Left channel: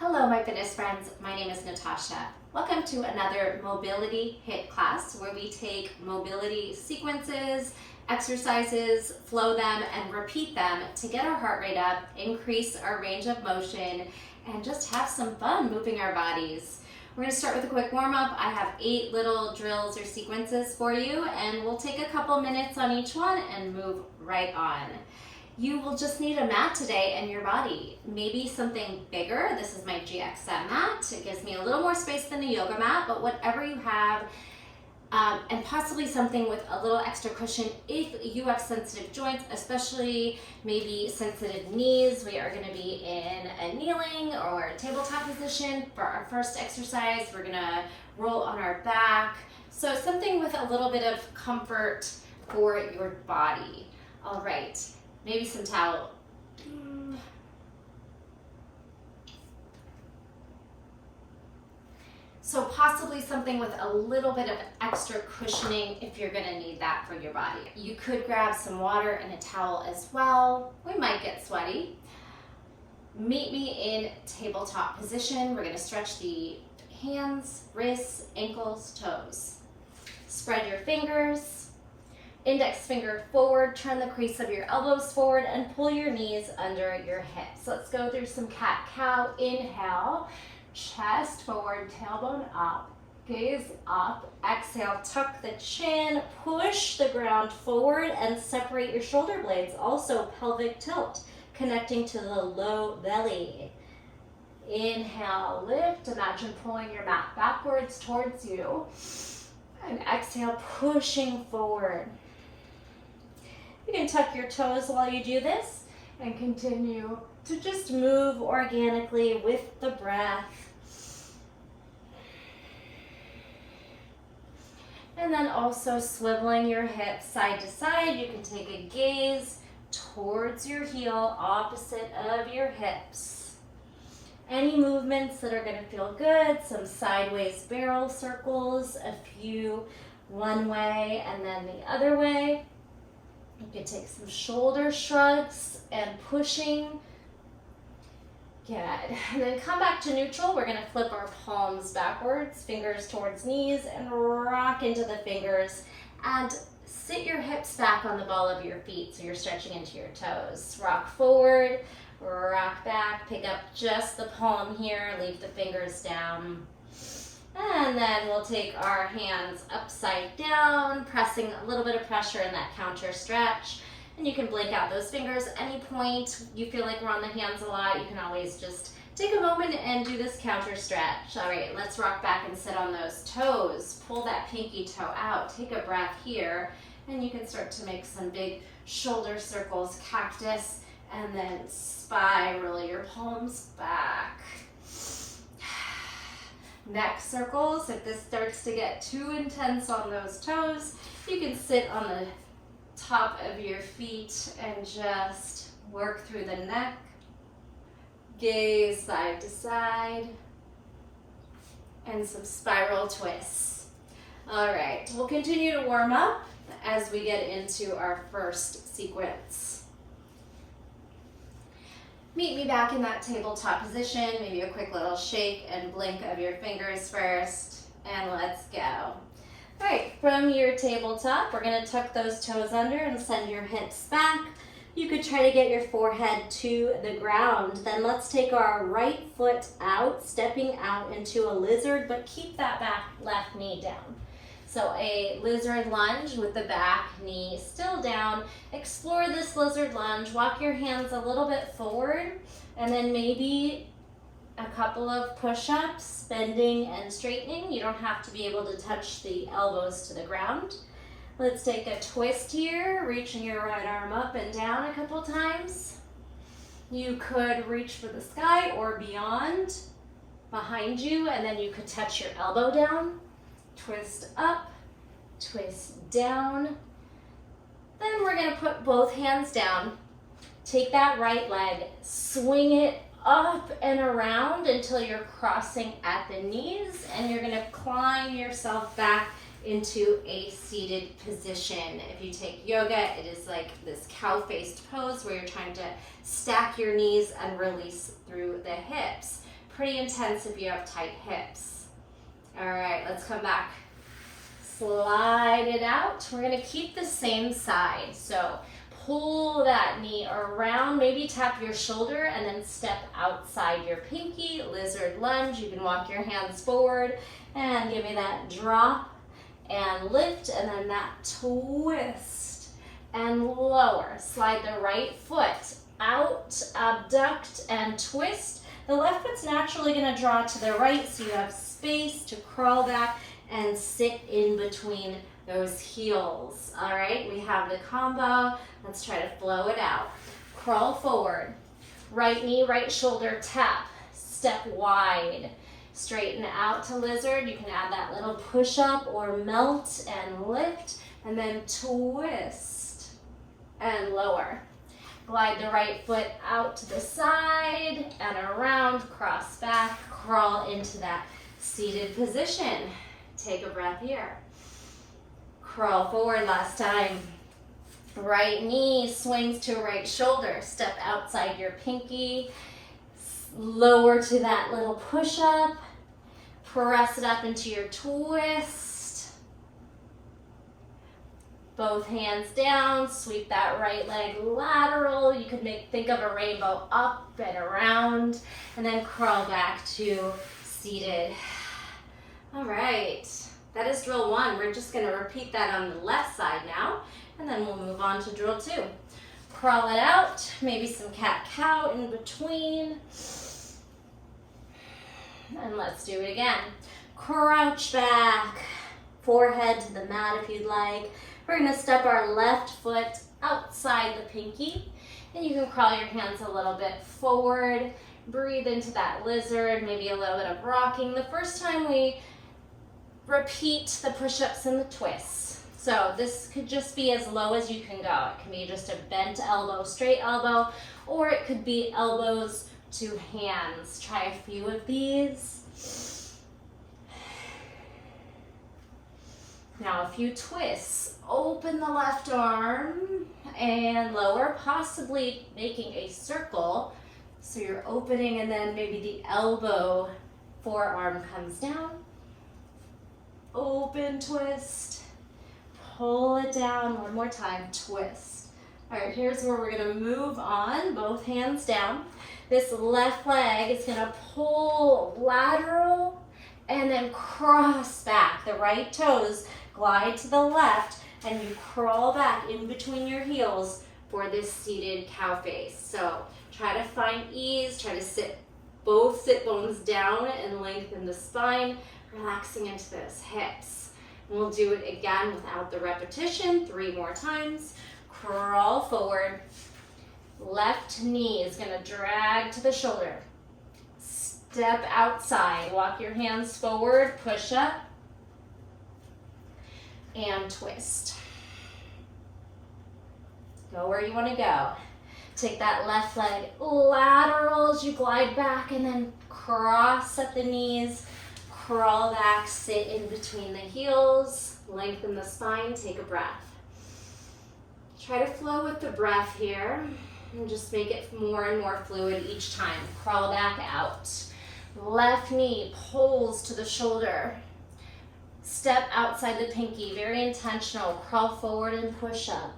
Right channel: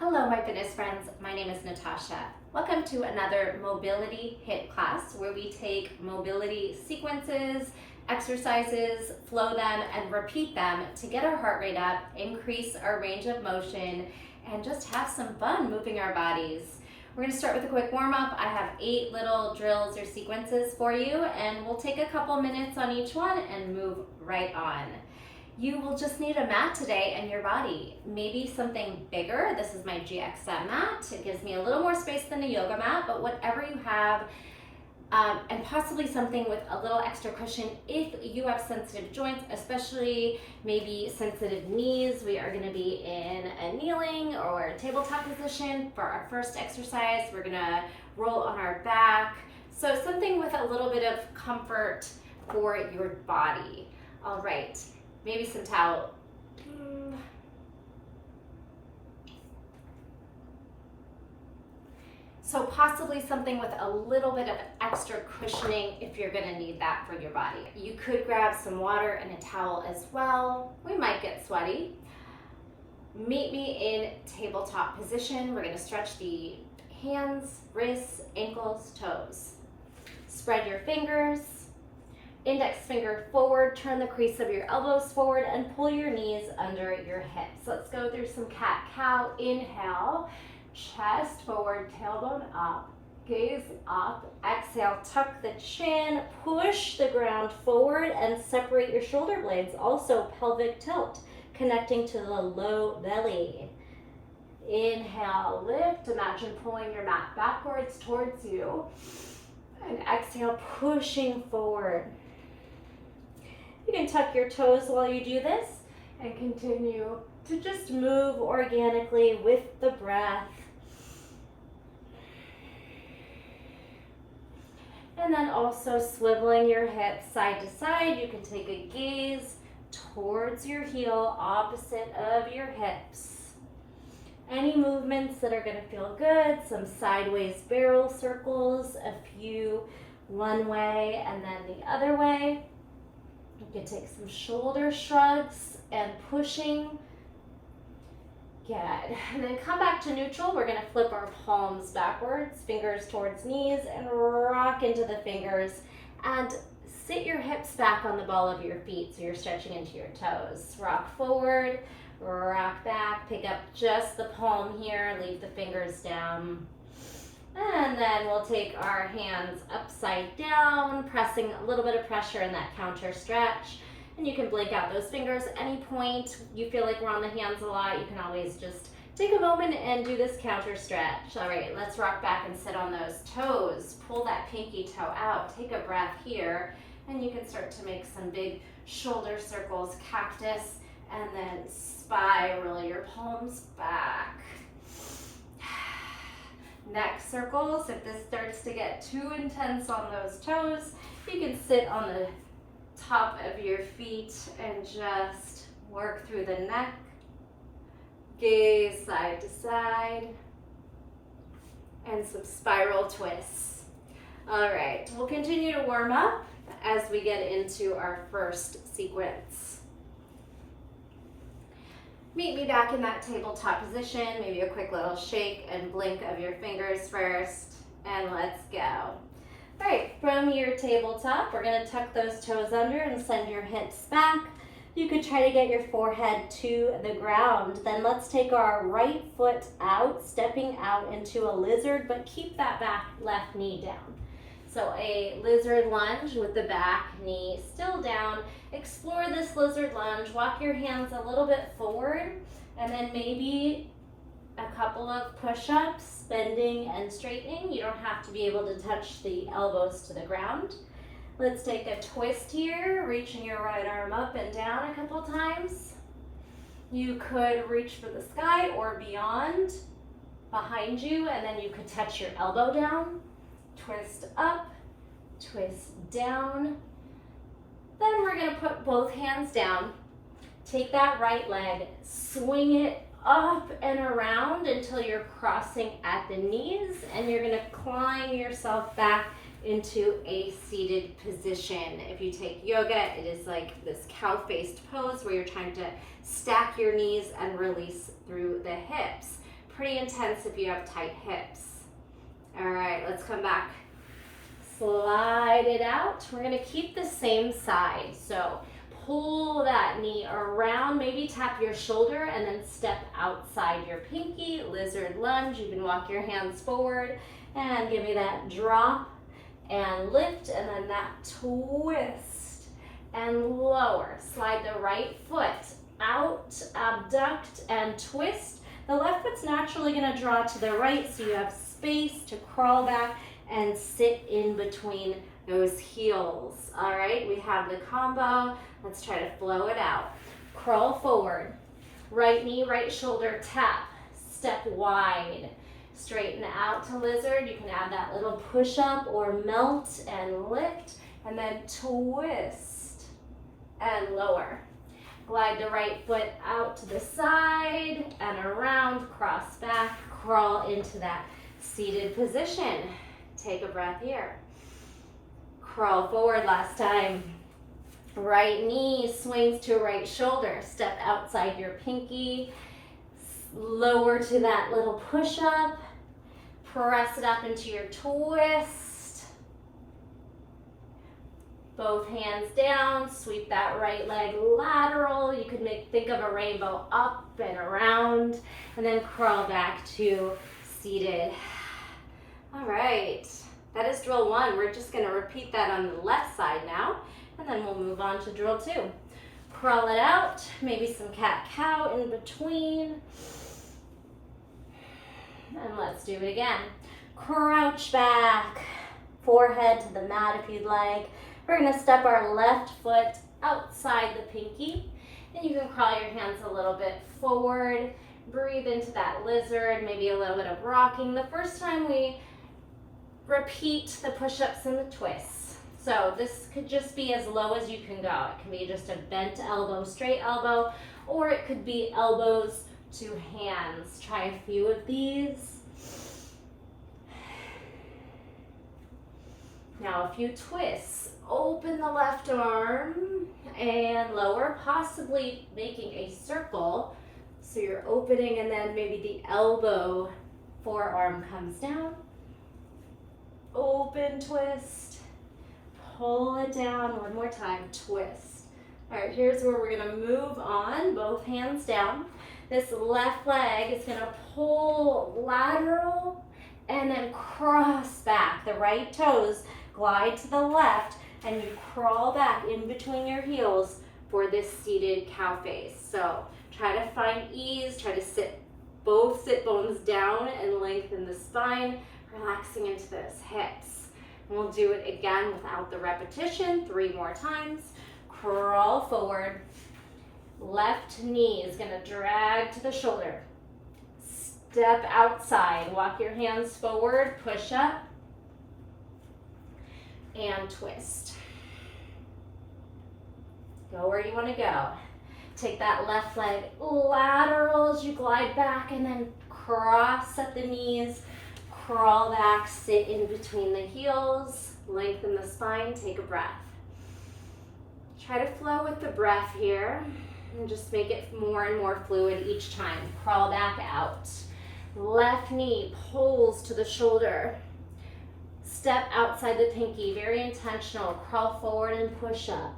Hello, my fitness friends. My name is Natasha. Welcome to another mobility HIIT class where we take mobility sequences, exercises, flow them, and repeat them to get our heart rate up, increase our range of motion, and just have some fun moving our bodies. We're going to start with a quick warm-up. I have 8 little drills or sequences for you, and we'll take a couple minutes on each one and move right on. You will just need a mat today and your body. Maybe something bigger. This is my GXM mat. It gives me a little more space than a yoga mat, but whatever you have, and possibly something with a little extra cushion if you have sensitive joints, especially maybe sensitive knees. We are gonna be in a kneeling or a tabletop position for our first exercise. We're gonna roll on our back. So something with a little bit of comfort for your body. All right. Maybe some towel. So possibly something with a little bit of extra cushioning if you're gonna need that for your body. You could grab some water and a towel as well. We might get sweaty. Meet me in tabletop position. We're gonna stretch the hands, wrists, ankles, toes. Spread your fingers. Index finger forward, turn the crease of your elbows forward and pull your knees under your hips. Let's go through some cat-cow. Inhale, chest forward, tailbone up, gaze up. Exhale, tuck the chin, push the ground forward and separate your shoulder blades. Also pelvic tilt, connecting to the low belly. Inhale, lift. Imagine pulling your mat backwards towards you. And exhale, pushing forward. You can tuck your toes while you do this and continue to just move organically with the breath. And then also swiveling your hips side to side. You can take a gaze towards your heel, opposite of your hips. Any movements that are going to feel good, some sideways barrel circles, a few one way and then the other way. You can take some shoulder shrugs and pushing. Good. And then come back to neutral. We're going to flip our palms backwards, fingers towards knees, and rock into the fingers. And sit your hips back on the ball of your feet so you're stretching into your toes. Rock forward, rock back, pick up just the palm here, leave the fingers down. And then we'll take our hands upside down, pressing a little bit of pressure in that counter stretch. And you can blink out those fingers at any point. You feel like we're on the hands a lot, you can always just take a moment and do this counter stretch. All right, let's rock back and sit on those toes. Pull that pinky toe out, take a breath here, and you can start to make some big shoulder circles, cactus, and then spiral your palms back. Neck circles. If this starts to get too intense on those toes, you can sit on the top of your feet and just work through the neck. Gaze side to side. And some spiral twists. All right, we'll continue to warm up as we get into our first sequence. Meet me back in that tabletop position, maybe a quick little shake and blink of your fingers first, and let's go. All right, from your tabletop, we're gonna tuck those toes under and send your hips back. You could try to get your forehead to the ground. Then let's take our right foot out, stepping out into a lizard, but keep that back left knee down. So a lizard lunge with the back knee still down. Explore this lizard lunge. Walk your hands a little bit forward and then maybe a couple of push-ups, bending and straightening. You don't have to be able to touch the elbows to the ground. Let's take a twist here, reaching your right arm up and down a couple times. You could reach for the sky or beyond, behind you, and then you could touch your elbow down. Twist up, twist down. Then we're gonna put both hands down. Take that right leg, swing it up and around until you're crossing at the knees, and you're gonna climb yourself back into a seated position. If you take yoga, it is like this cow-faced pose where you're trying to stack your knees and release through the hips. pretty intense if you have tight hips. All right, let's come back. Slide it out. We're gonna keep the same side. So pull that knee around, maybe tap your shoulder and then step outside your pinky, lizard lunge. You can walk your hands forward and give me that drop and lift, and then that twist and lower. Slide the right foot out, abduct and twist. The left foot's naturally gonna draw to the right, so you have space to crawl back and sit in between those heels. All right, we have the combo. Let's try to flow it out. Crawl forward, right knee, right shoulder tap, step wide, straighten out to lizard. You can add that little push up or melt and lift, and then twist and lower. Glide the right foot out to the side and around, cross back, crawl into that seated position. Take a breath here. Crawl forward last time. Right knee swings to right shoulder. Step outside your pinky. Lower to that little push up. Press it up into your twist. Both hands down. Sweep that right leg lateral. You could think of a rainbow up and around. And then crawl back to seated. All right, that is drill 1. We're just gonna repeat that on the left side now, and then we'll move on to drill 2. Crawl it out, maybe some cat-cow in between. And let's do it again. Crouch back, forehead to the mat if you'd like. We're gonna step our left foot outside the pinky, and you can crawl your hands a little bit forward. Breathe into that lizard, maybe a little bit of rocking. The first time we repeat the push-ups and the twists. So this could just be as low as you can go. It can be just a bent elbow, straight elbow, or it could be elbows to hands. Try a few of these. Now a few twists. Open the left arm and lower, possibly making a circle. So you're opening and then maybe the elbow forearm comes down. Open, twist, pull it down. One more time, twist. All right, here's where we're gonna move on, both hands down. This left leg is gonna pull lateral and then cross back. The right toes glide to the left and you crawl back in between your heels for this seated cow face. So try to find ease, try to sit both sit bones down and lengthen the spine, relaxing into those hips. And we'll do it again without the repetition, 3 more times. Crawl forward. Left knee is gonna drag to the shoulder. Step outside, walk your hands forward, push up, and twist. Go where you wanna go. Take that left leg lateral as you glide back and then cross at the knees, crawl back, sit in between the heels, lengthen the spine, take a breath. Try to flow with the breath here and just make it more and more fluid each time. Crawl back out. Left knee pulls to the shoulder. Step outside the pinky, very intentional. Crawl forward and push up.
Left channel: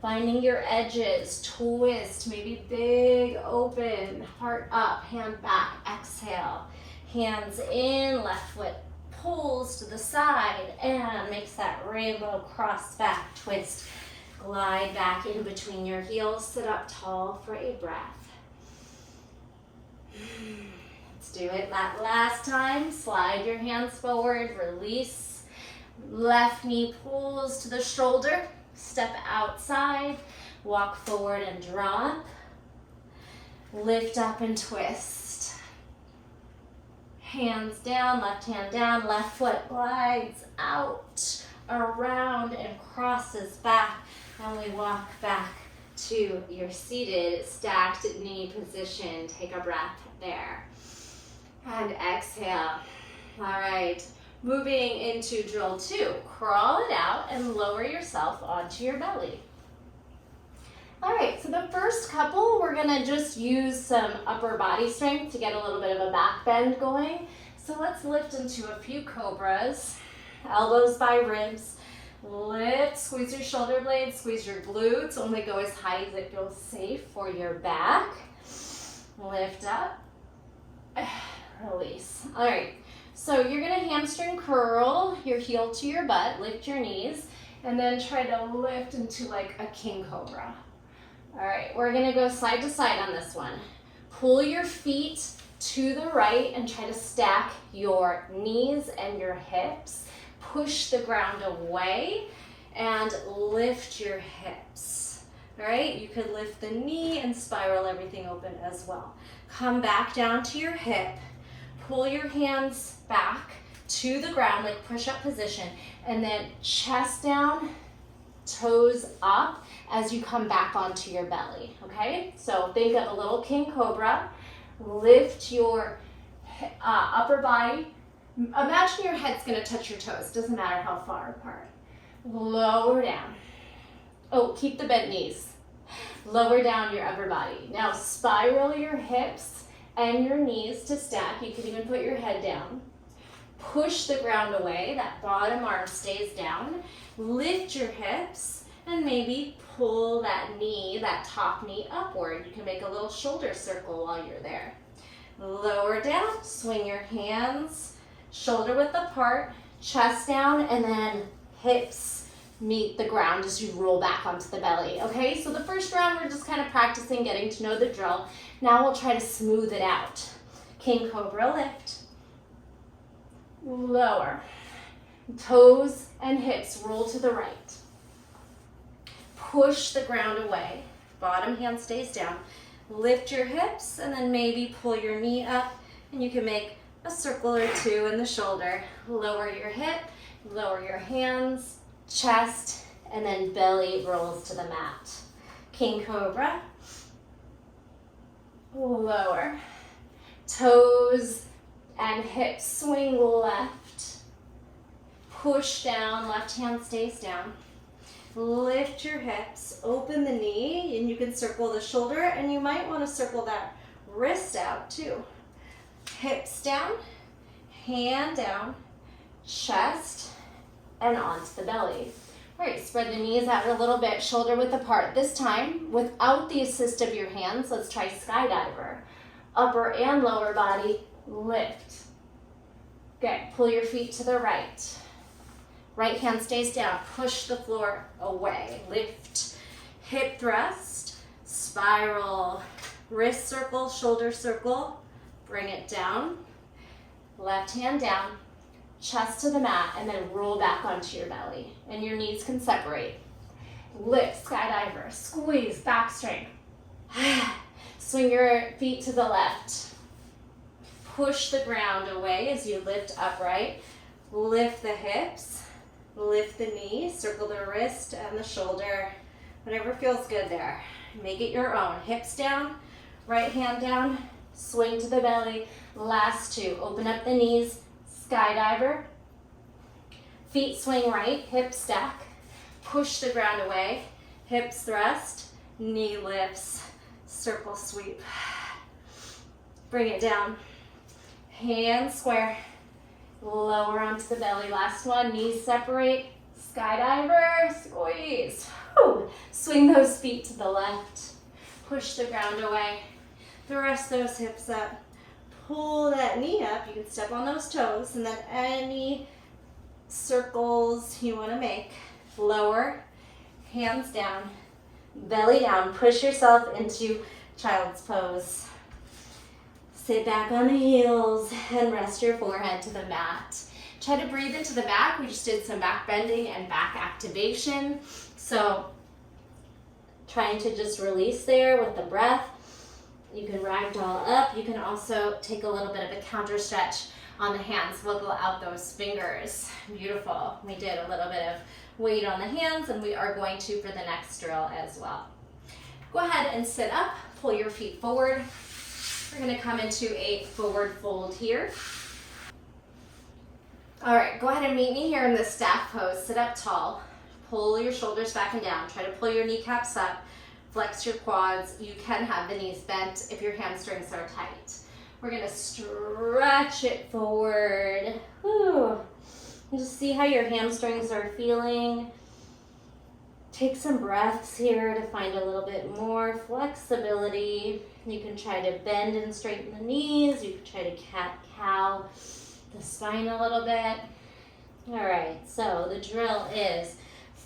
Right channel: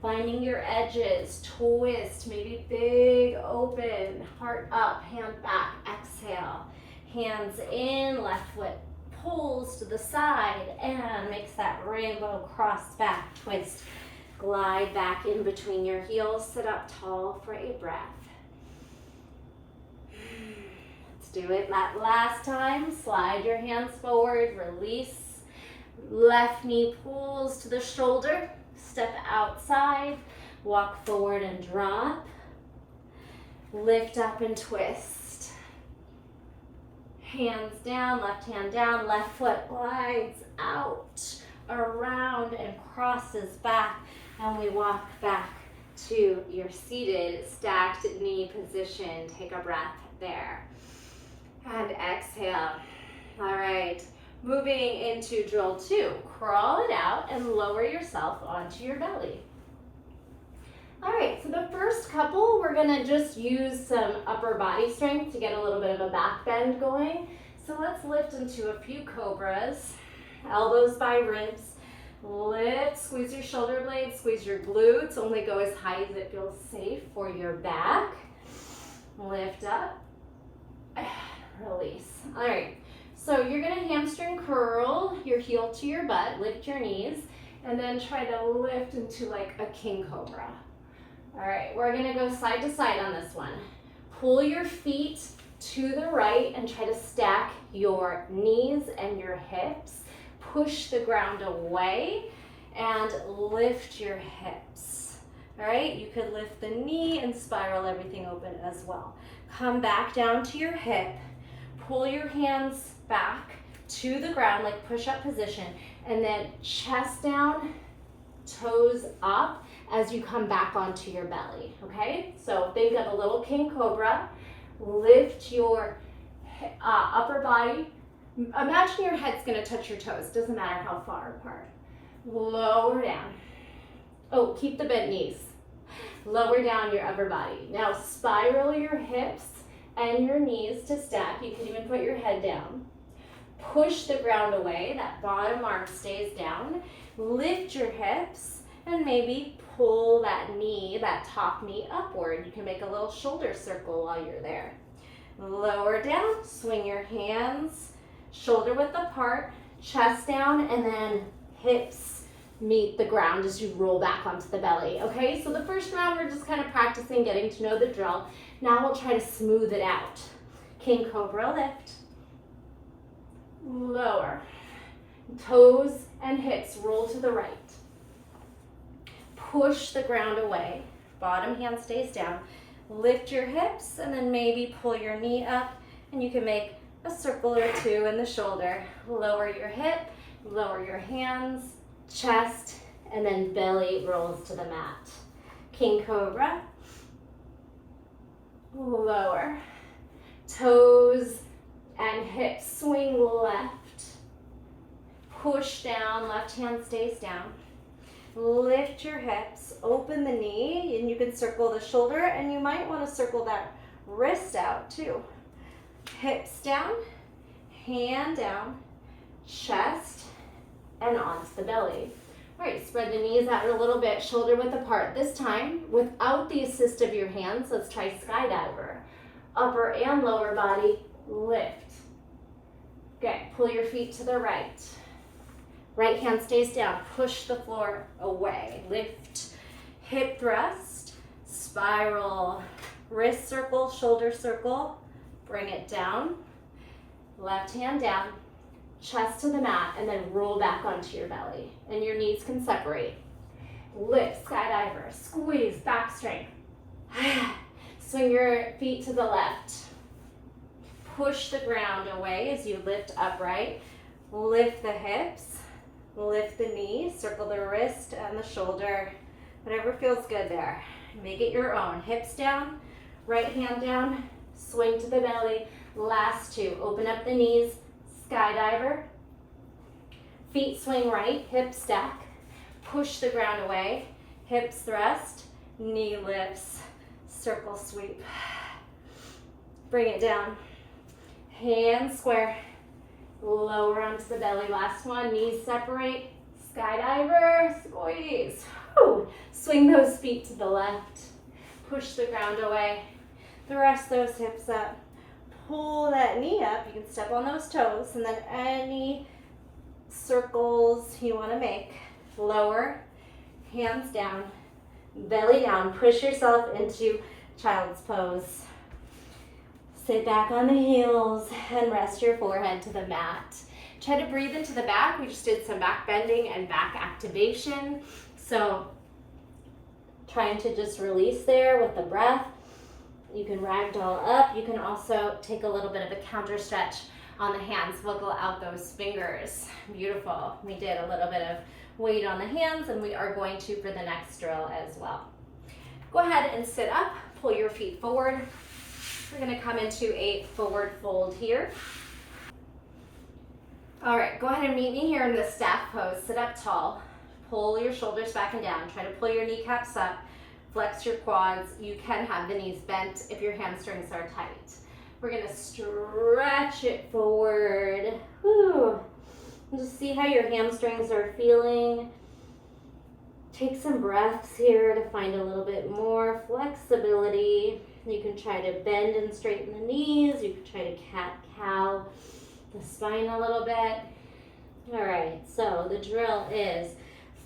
Finding your edges, twist, maybe big open, heart up, hand back, exhale. Hands in, left foot pulls to the side and makes that rainbow cross back twist. Glide back in between your heels, sit up tall for a breath. Let's do it that last time. Slide your hands forward, release. Left knee pulls to the shoulder. Step outside, walk forward and drop. Lift up and twist. Hands down, left hand down, left foot glides out, around and crosses back. And we walk back to your seated stacked knee position. Take a breath there. And exhale. All right. Moving into drill 2, crawl it out and lower yourself onto your belly. All right, so the first couple, we're gonna just use some upper body strength to get a little bit of a back bend going. So let's lift into a few cobras, elbows by ribs. Lift, squeeze your shoulder blades, squeeze your glutes, only go as high as it feels safe for your back. Lift up, release. All right, so you're gonna hamstring curl your heel to your butt, lift your knees, and then try to lift into like a king cobra. All right, we're gonna go side to side on this one. Pull your feet to the right and try to stack your knees and your hips. Push the ground away and lift your hips. All right, you could lift the knee and spiral everything open as well. Come back down to your hip. Pull your hands back to the ground, like push-up position, and then chest down, toes up as you come back onto your belly, okay? So think of a little king cobra. Lift your upper body. Imagine your head's gonna touch your toes, doesn't matter how far apart. Lower down. Oh, keep the bent knees. Lower down your upper body. Now spiral your hips and your knees to stack. You can even put your head down. Push the ground away, that bottom arm stays down. Lift your hips and maybe pull that knee, that top knee upward. You can make a little shoulder circle while you're there. Lower down, swing your hands, shoulder width apart, chest down, and then hips meet the ground as you roll back onto the belly. Okay, so the first round we're just kind of practicing, getting to know the drill. Now we'll try to smooth it out. King cobra lift, lower, toes and hips roll to the right. Push the ground away, bottom hand stays down. Lift your hips and then maybe pull your knee up, and you can make a circle or two in the shoulder. Lower your hip, lower your hands, chest, and then belly rolls to the mat. King cobra, lower, toes and hips swing left, push down, left hand stays down. Lift your hips, open the knee, and you can circle the shoulder, and you might want to circle that wrist out too. Hips down, hand down, chest, and onto the belly. All right, spread the knees out a little bit, shoulder width apart. This time, without the assist of your hands, let's try skydiver. Upper and lower body, lift. Good, pull your feet to the right. Right hand stays down, push the floor away. Lift, hip thrust, spiral, wrist circle, shoulder circle, bring it down. Left hand down, chest to the mat, and then roll back onto your belly. And your knees can separate. Lift, skydiver, squeeze, back strength. Swing your feet to the left. Push the ground away as you lift upright. Lift the hips. Lift the knee, circle the wrist and the shoulder, whatever feels good there. Make it your own. Hips down, right hand down, swing to the belly. Last two, open up the knees, skydiver. Feet swing right, hips stack. Push the ground away, hips thrust, knee lifts, circle sweep. Bring it down, hands square. Lower onto the belly, last one, knees separate, skydiver, squeeze. Whew. Swing those feet to the left, push the ground away, thrust those hips up, pull that knee up, you can step on those toes, and then any circles you want to make, lower, hands down, belly down, push yourself into child's pose. Sit back on the heels and rest your forehead to the mat. Try to breathe into the back. We just did some back bending and back activation. So trying to just release there with the breath. You can ragdoll up. You can also take a little bit of a counter stretch on the hands. Wiggle out those fingers. Beautiful. We did a little bit of weight on the hands, and we are going to for the next drill as well. Go ahead and sit up. Pull your feet forward. We're going to come into a forward fold here. All right, go ahead and meet me here in the staff pose. Sit up tall. Pull your shoulders back and down. Try to pull your kneecaps up. Flex your quads. You can have the knees bent if your hamstrings are tight. We're gonna stretch it forward. Whew. And just see how your hamstrings are feeling. Take some breaths here to find a little bit more flexibility. You can try to bend and straighten the knees. You can try to cat-cow the spine a little bit. All right, so the drill is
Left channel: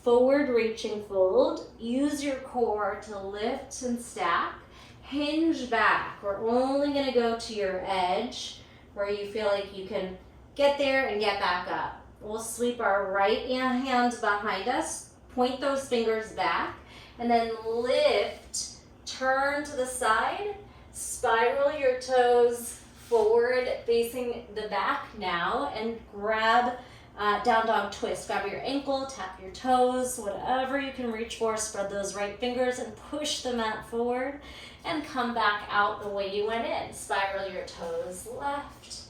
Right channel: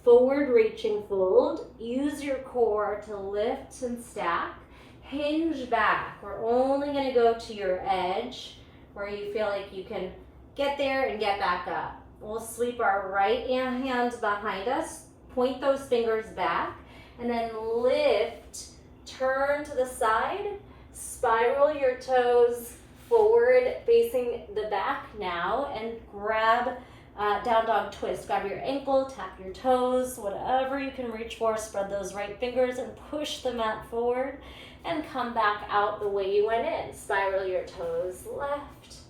forward reaching fold. Use your core to lift and stack. Hinge back. We're only going to go to your edge where you feel like you can get there and get back up. We'll sweep our right hand behind us, point those fingers back, and then lift, turn to the side, spiral your toes forward facing the back now, and grab down dog twist. Grab your ankle, tap your toes, whatever you can reach for. Spread those right fingers and push the mat forward and come back out the way you went in. Spiral your toes left,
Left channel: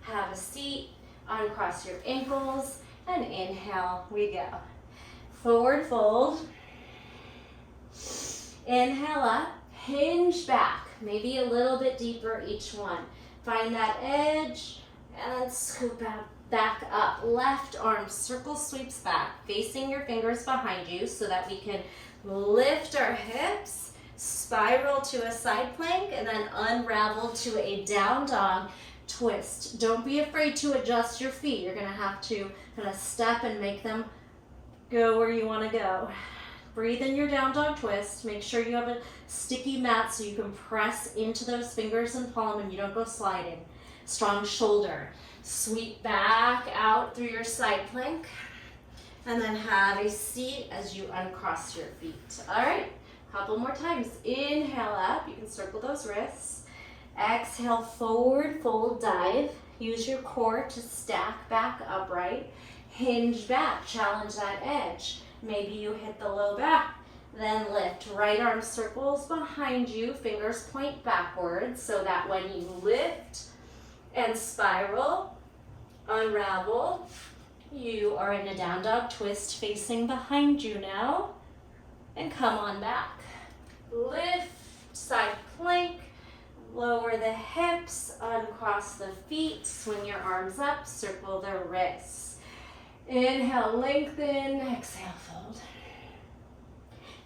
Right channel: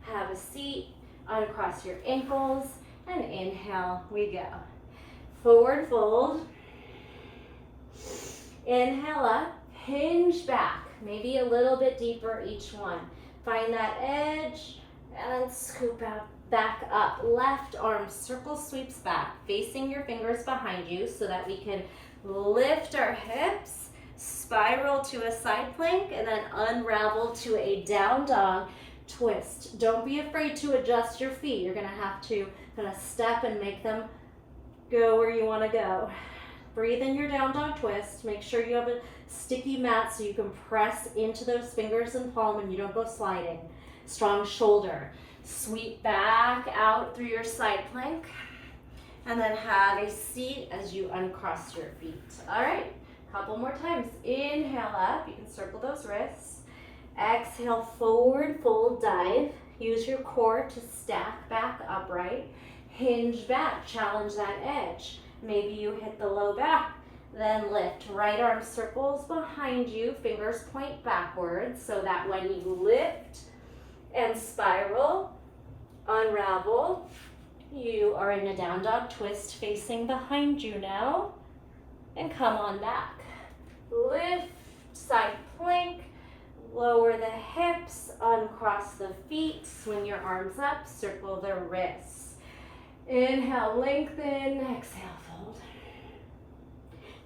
have a seat, uncross your ankles, and inhale, we go. Forward fold, inhale up, hinge back, maybe a little bit deeper each one. Find that edge and scoop out. Back up, left arm circle sweeps back, facing your fingers behind you so that we can lift our hips, spiral to a side plank, and then unravel to a down dog twist. Don't be afraid to adjust your feet. You're gonna have to kind of step and make them go where you wanna go. Breathe in your down dog twist. Make sure you have a sticky mat so you can press into those fingers and palm and you don't go sliding. Strong shoulder. Sweep back out through your side plank and then have a seat as you uncross your feet. All right, couple more times. Inhale up, you can circle those wrists. Exhale, forward fold dive. Use your core to stack back upright. Hinge back, challenge that edge. Maybe you hit the low back, then lift. Right arm circles behind you, fingers point backwards so that when you lift and spiral, unravel, you are in a down dog twist facing behind you now, and come on back. Lift, side plank, lower the hips, uncross the feet, swing your arms up, circle the wrists. Inhale, lengthen, exhale, fold.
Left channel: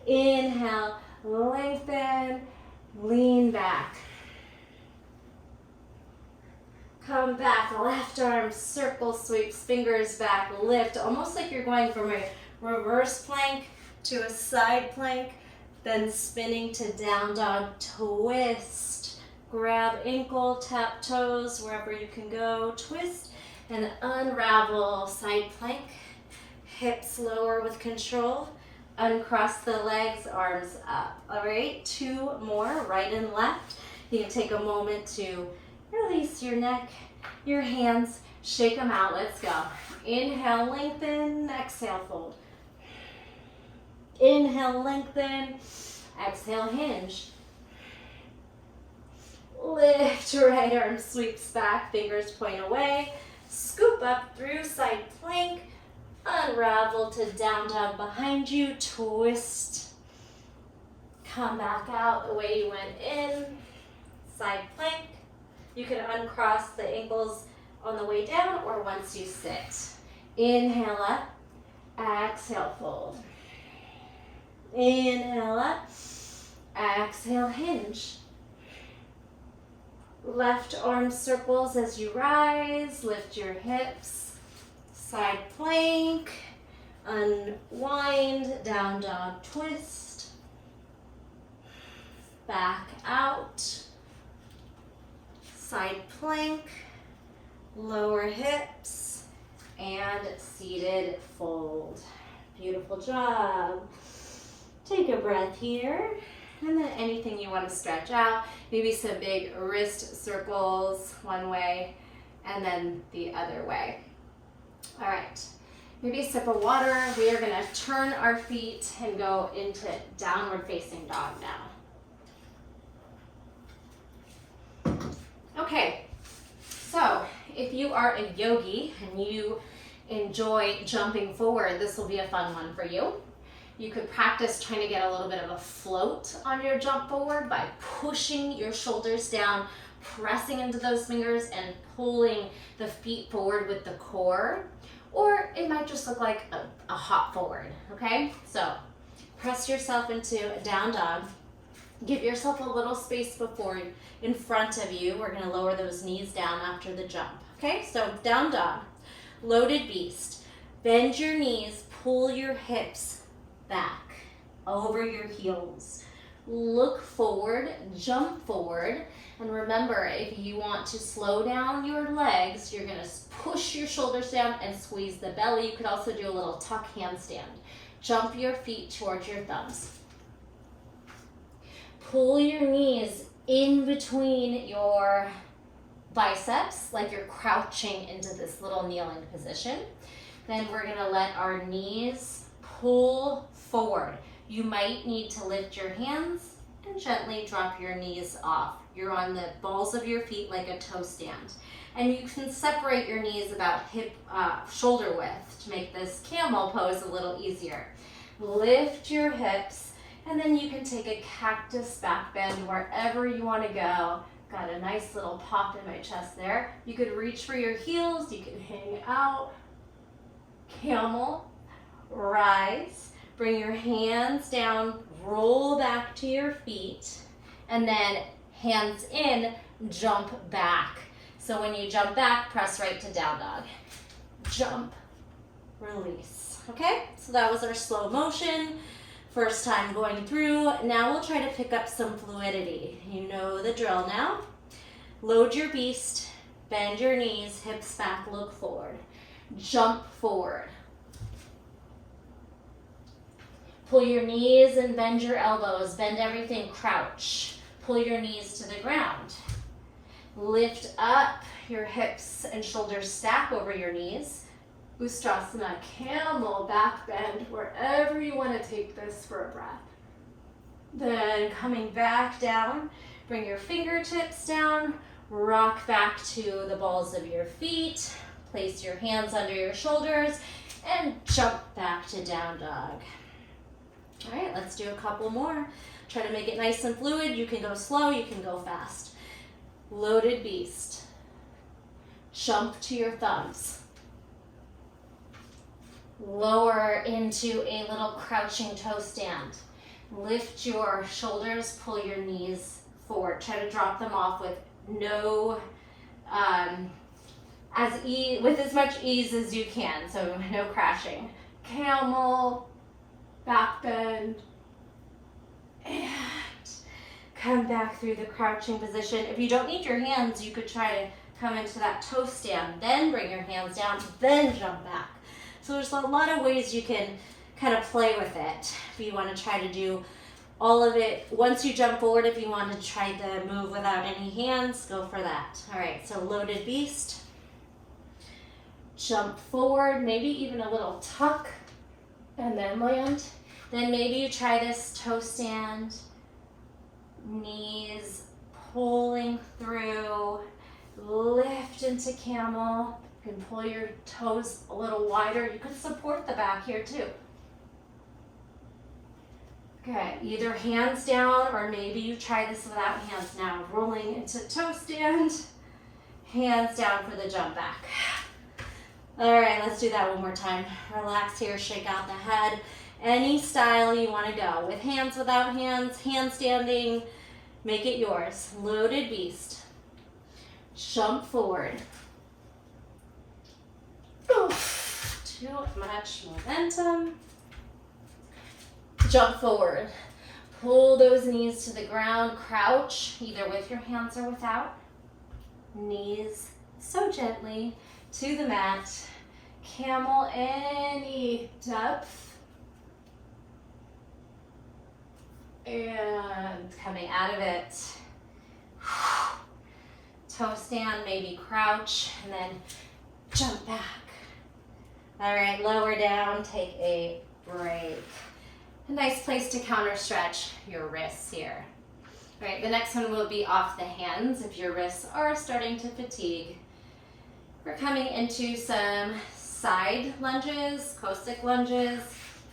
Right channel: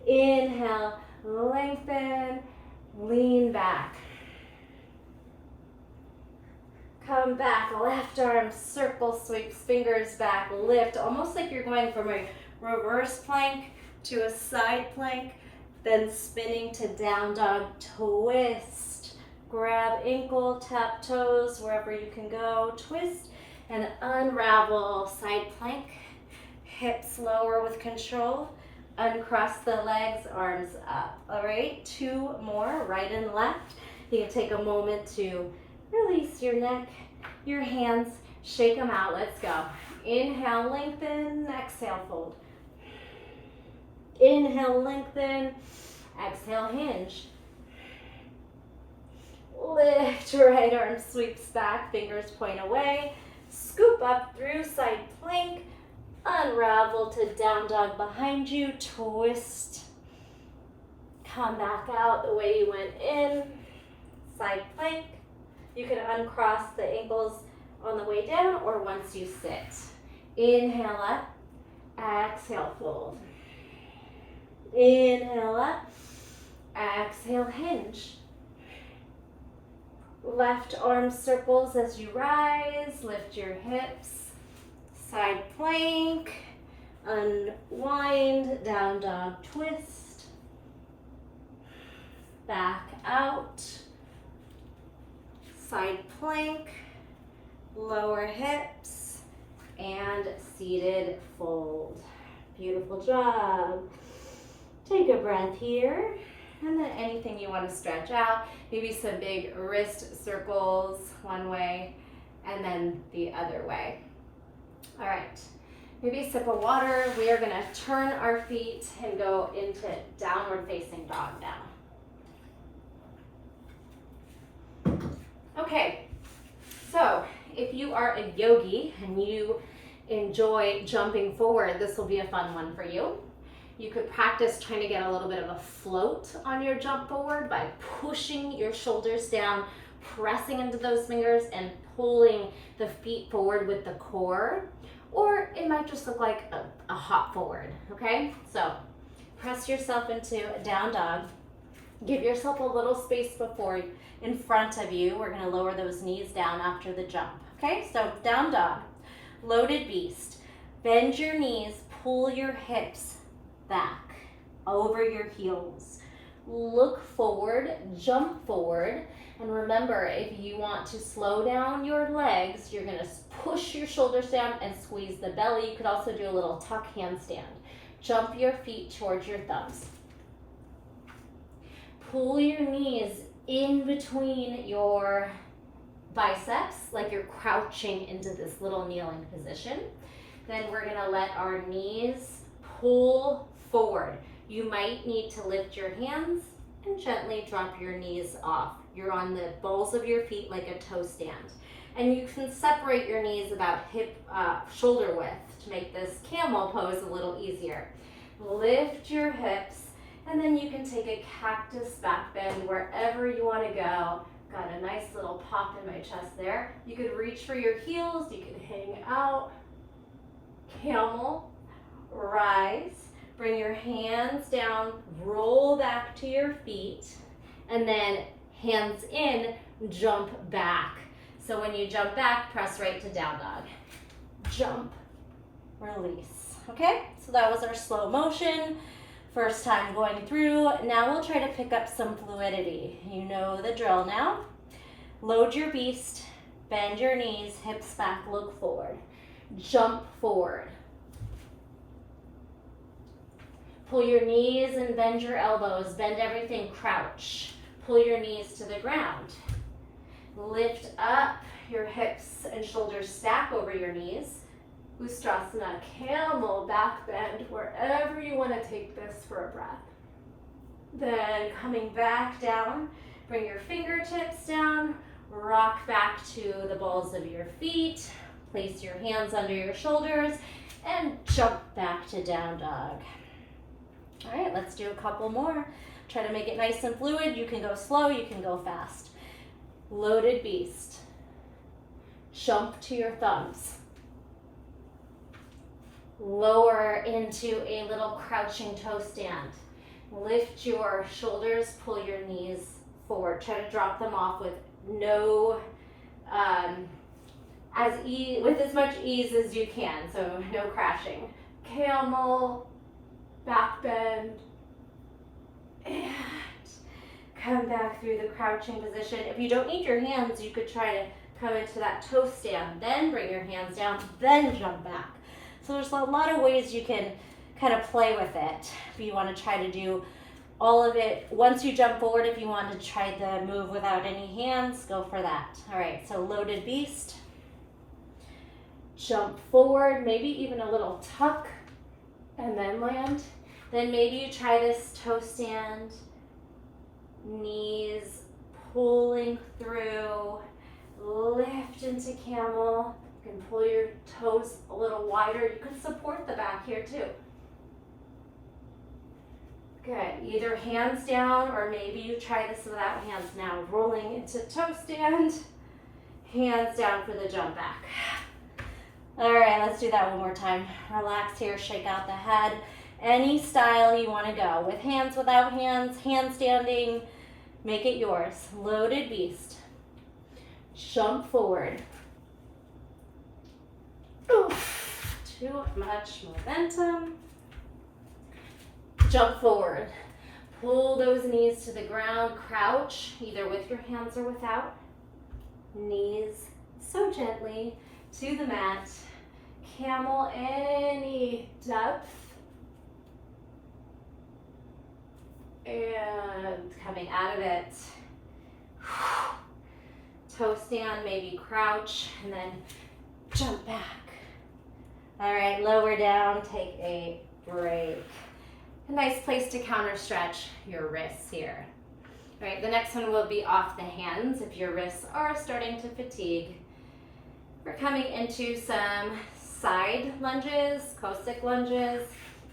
Inhale, lengthen, lean back. Come back, left arm circle sweeps, fingers back, lift, almost like you're going from a reverse plank to a side plank, then spinning to down dog twist. Grab ankle, tap toes, wherever you can go, twist and unravel, side plank, hips lower with control, uncross the legs, arms up. All right, 2 more, right and left. You can take a moment to release your neck, your hands, shake them out. Let's go. Inhale, lengthen, exhale, fold. Inhale, lengthen, exhale, hinge. Lift, right arm sweeps back, fingers point away. Scoop up through side plank, unravel to down dog behind you, twist. Come back out the way you went in, side plank. You can uncross the ankles on the way down or once you sit. Inhale up, exhale, fold. Inhale up, exhale, hinge. Left arm circles as you rise, lift your hips, side plank, unwind, down dog twist, back out. Side plank, lower hips, and seated fold. Beautiful job. Take a breath here, and then anything you want to stretch out. Maybe some big wrist circles one way, and then the other way. All right, maybe a sip of water. We are gonna turn our feet and go into downward facing dog now. Okay, so if you are a yogi and you enjoy jumping forward, this will be a fun one for you. You could practice trying to get a little bit of a float on your jump forward by pushing your shoulders down, pressing into those fingers and pulling the feet forward with the core. Or it might just look like a hop forward, okay? So press yourself into a down dog. Give yourself a little space before in front of you. We're gonna lower those knees down after the jump, okay? So down dog, loaded beast. Bend your knees, pull your hips back over your heels. Look forward, jump forward. And remember, if you want to slow down your legs, you're gonna push your shoulders down and squeeze the belly. You could also do a little tuck handstand. Jump your feet towards your thumbs. Pull your knees in between your biceps, like you're crouching into this little kneeling position. Then we're gonna let our knees pull forward. You might need to lift your hands and gently drop your knees off. You're on the balls of your feet like a toe stand. And you can separate your knees about shoulder width to make this camel pose a little easier. Lift your hips, and then you can take a cactus back bend wherever you want to go. Got a nice little pop in my chest there. You could reach for your heels, you can hang out. Camel, rise, bring your hands down, roll back to your feet, and then hands in, jump back. So when you jump back, press right to down dog. Jump, release. Okay, so that was our slow motion. First time going through. Now we'll try to pick up some fluidity. You know the drill now. Load your beast, bend your knees, hips back, look forward. Jump forward. Pull your knees and bend your elbows. Bend everything, crouch. Pull your knees to the ground. Lift up your hips and shoulders, stack over your knees. Ustrasana, camel, back bend, wherever you want to take this for a breath. Then coming back down, bring your fingertips down, rock back to the balls of your feet, place your hands under your shoulders, and jump back to down dog. All right, let's do a couple more. Try to make it nice and fluid. You can go slow, you can go fast. Loaded beast. Jump to your thumbs. Lower into a little crouching toe stand. Lift your shoulders, pull your knees forward. Try to drop them off with with as much ease as you can, so no crashing. Camel, back bend, and come back through the crouching position. If you don't need your hands, you could try to come into that toe stand, then bring your hands down, then jump back. So there's a lot of ways you can kind of play with it. If you want to try to do all of it once you jump forward, if you want to try the move without any hands, go for that. All right, so loaded beast. Jump forward, maybe even a little tuck, and then land. Then maybe you try this toe stand, knees pulling through, lift into camel. You can pull your toes a little wider. You could support the back here too. Okay, either hands down or maybe you try this without hands now. Rolling into toe stand, hands down for the jump back. All right, let's do that one more time. Relax here, shake out the head. Any style you want to go, with hands, without hands, handstanding, make it yours. Loaded beast. Jump forward. Oof, too much momentum. Jump forward. Pull those knees to the ground, crouch, either with your hands or without. Knees so gently to the mat. Camel, any depth. And coming out of it. Toe stand, maybe crouch, and then jump back. All right, lower down, take a break. A nice place to counter stretch your wrists here. All right, the next one will be off the hands if your wrists are starting to fatigue. We're coming into some side lunges, Cossack lunges.